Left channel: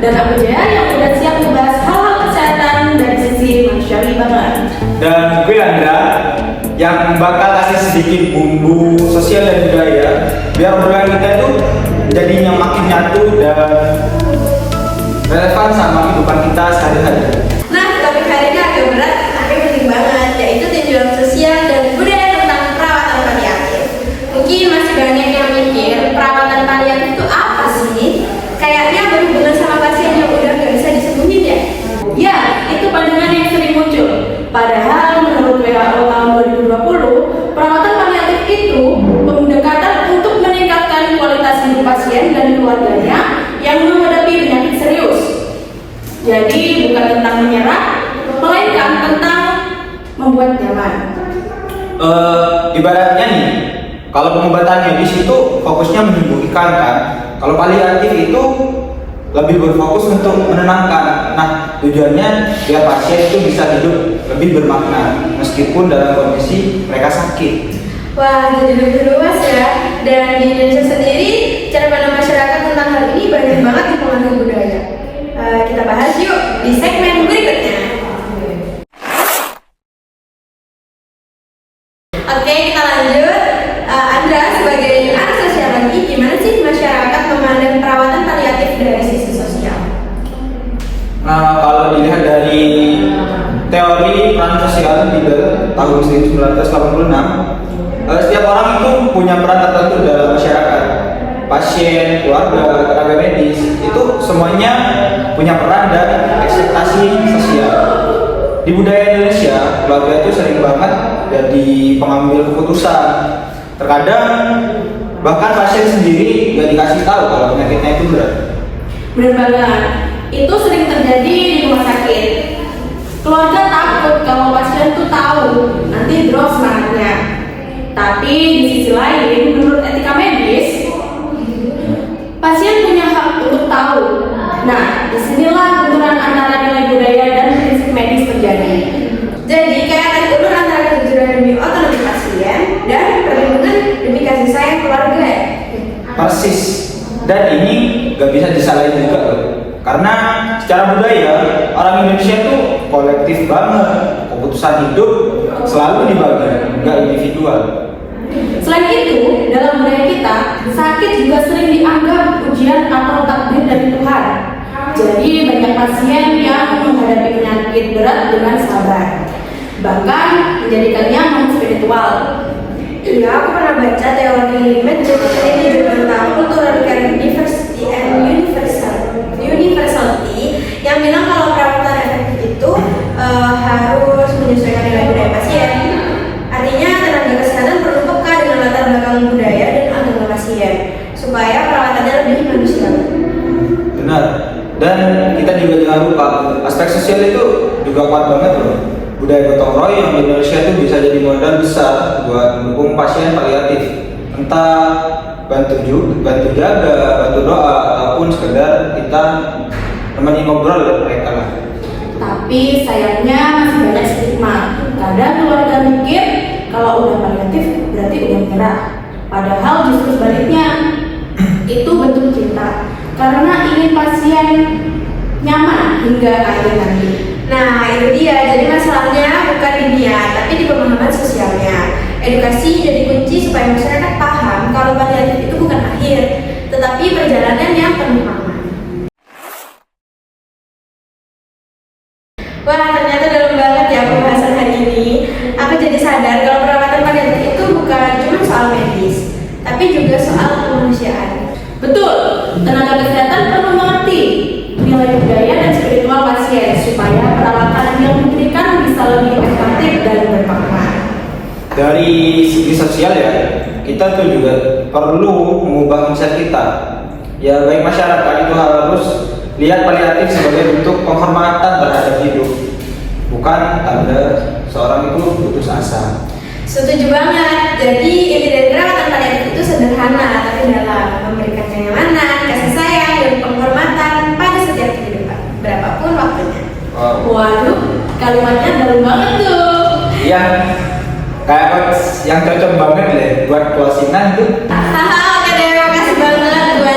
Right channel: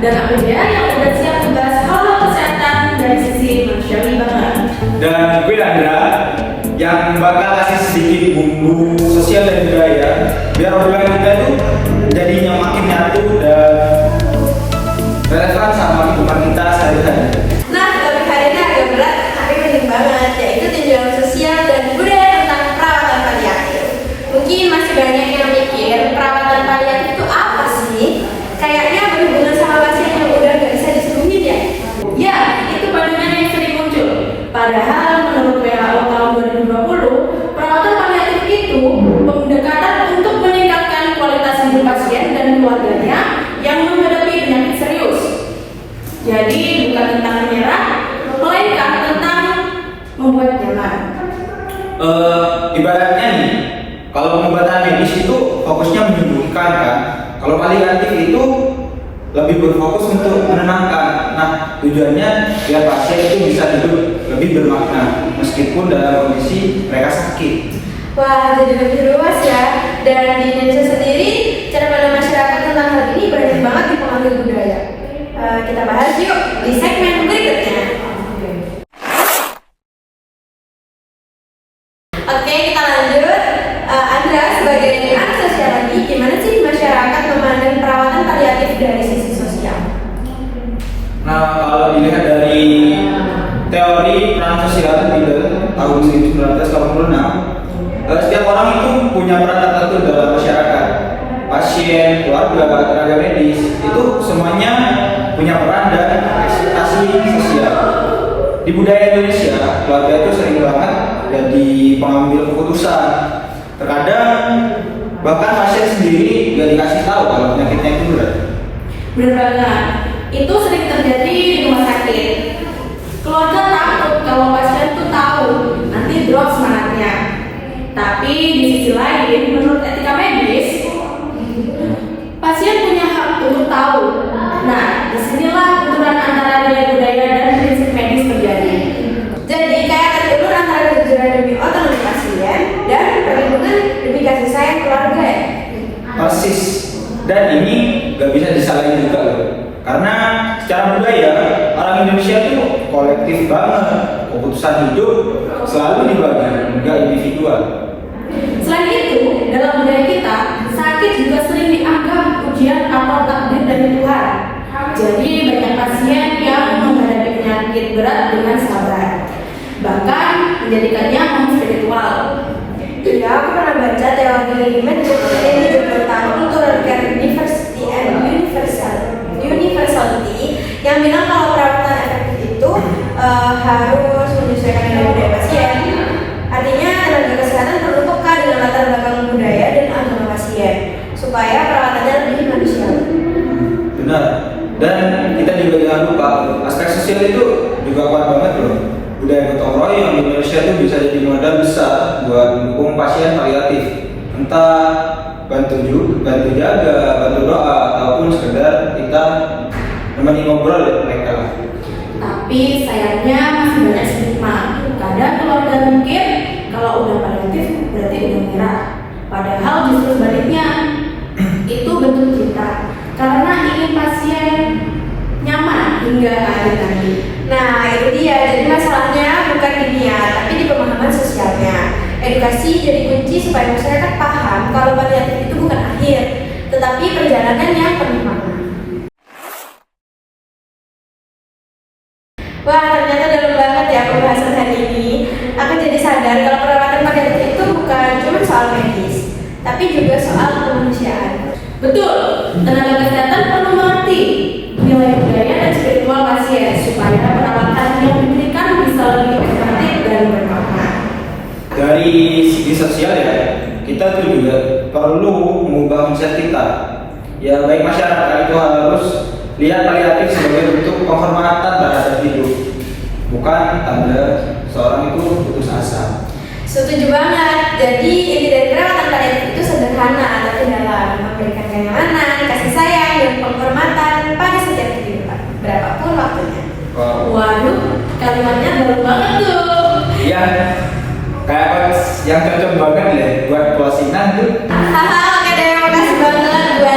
dan Abidaya yang udah siap membahas hal-hal kesehatan dari sisi manusiawi banget. Dan gue Andra yang bakal kasih sedikit bumbu sosial dan budaya biar obrolan kita itu jadinya makin nyatu dan relevan sama kehidupan kita sehari-hari. Nah, topik hari ini agak berat tapi penting banget, yaitu tinjauan sosial dan budaya tentang perawatan paliatif. Mungkin masih banyak yang mikir perawatan paliatif itu apa sih? Kayaknya berhubungan sama pasien yang udah gak bisa disembuhin ya? Ya, itu pandangan yang sering muncul. Padahal menurut WHO tahun 2020, perawatan paliatif itu pendekatan untuk meningkatkan kualitas hidup pasien dan keluarganya yang menghadapi penyakit serius. Jadi bukan tentang menyerah, melainkan tentang membuat nyaman. Ibaratnya nih, kalau pengobatan medis itu fokusnya menyembuhkan kan. Kalau paliatif itu lebih berfokus untuk menenangkan. Nah, tujuannya biar pasien itu bisa hidup lebih bermakna meskipun dalam kondisi mereka sakit. Wah, jadi lebih luas ya. Dan di Indonesia sendiri, cara pandang masyarakat tentang hal ini banyak banget dipengaruhi budaya. Kita bahas yuk di segmen berikutnya. Oke, kita lanjut. Andra, sebagai anak sosiologi, gimana sih masyarakat memandang perawatan paliatif dari sisi sosial? Nah, kalau dilihat dari teori peran sosial di tahun 1986, setiap orang itu punya peran tertentu dalam masyarakat. Pasien, keluarga, tenaga medis, itu semuanya punya peran dan ekspektasi sosial. Di budaya Indonesia, keluarga itu sering banget jadi pengambil keputusan. Terkadang bahkan pasien sendiri gak dikasih tahu kalau penyakitnya itu berat. Benar banget, itu sering terjadi di rumah sakit. Keluarga takut kalau pasien tuh tahu, nanti drop semangatnya. Tapi di sisi lain, menurut etika medis, pasien punya hak untuk tahu. Nah, disinilah benturan antara nilai budaya dan prinsip medis terjadi. Jadi, kayak tarik ulur antara kejujuran demi otonomi pasien dan perlindungan demi kasih sayang keluarga. Persis. Dan ini gak bisa disalahin juga loh. Karena secara budaya, orang Indonesia itu kolektif banget. Keputusan hidup selalu dibagi, gak individual. Selain itu, dalam budaya kita, sakit juga sering dianggap ujian atau takdir dari Tuhan. Jadi banyak pasien yang menghadapi penyakit berat dengan sabar, bahkan menjadikannya non-spiritual. Ya, aku pernah baca teori Medjugorje ini tentang Cultural Care Diversity and Universality yang bilang kalau perawatan efektif itu harus menyesuaikan nilai budaya pasien. Artinya tenaga kesehatan perlu peka dengan latar belakang budaya dan agama pasien supaya perawatannya lebih manusiawi. Benar. Dan kita juga jangan lupa aspek sosial itu juga kuat banget loh. Budaya gotong royong di Indonesia itu bisa jadi modal besar buat mendukung pasien paliatif. Entah bantu jaga, bantu doa, ataupun sekedar kita temenin ngobrol mereka lah. Tapi sayangnya masih banyak stigma. Kadang keluarga mikir kalau udah paliatif berarti udah menyerah. Padahal justru sebaliknya, itu bentuk cinta. Karena ingin pasien nyaman hingga akhir nanti. Nah, itu dia. Jadi masalahnya bukan di dia, tapi di pemahaman sosialnya. Edukasi jadi kunci supaya masyarakat paham kalau paliatif itu bukan akhir, tetapi perjalanan yang penuh makna. Wah, ternyata dalam banget ya pembahasan hari ini. Aku jadi sadar kalau perawatan paliatif itu bukan cuma soal medis, tapi juga soal kemanusiaan. Betul, tenaga kesehatan perlu mengerti nilai budaya dan spiritual pasien supaya perawatan yang diberikan bisa lebih efektif dan bermakna. Dari segi sosial ya, kita tuh juga perlu mengubah mindset kita. Ya baik masyarakat itu harus lihat paliatif sebagai bentuk penghormatan terhadap hidup, bukan tanda seorang itu putus asa. Setuju banget. Jadi inti dari perawatan paliatif itu sederhana tapi dalam, memberikan kenyamanan, kasih sayang, dan penghormatan pada setiap kehidupan, berapapun waktunya. Waduh, kalimatnya dalam banget tuh. Iya, kayak yang cocok banget deh buat closingan tuh. Haha, oke deh, makasih banget buat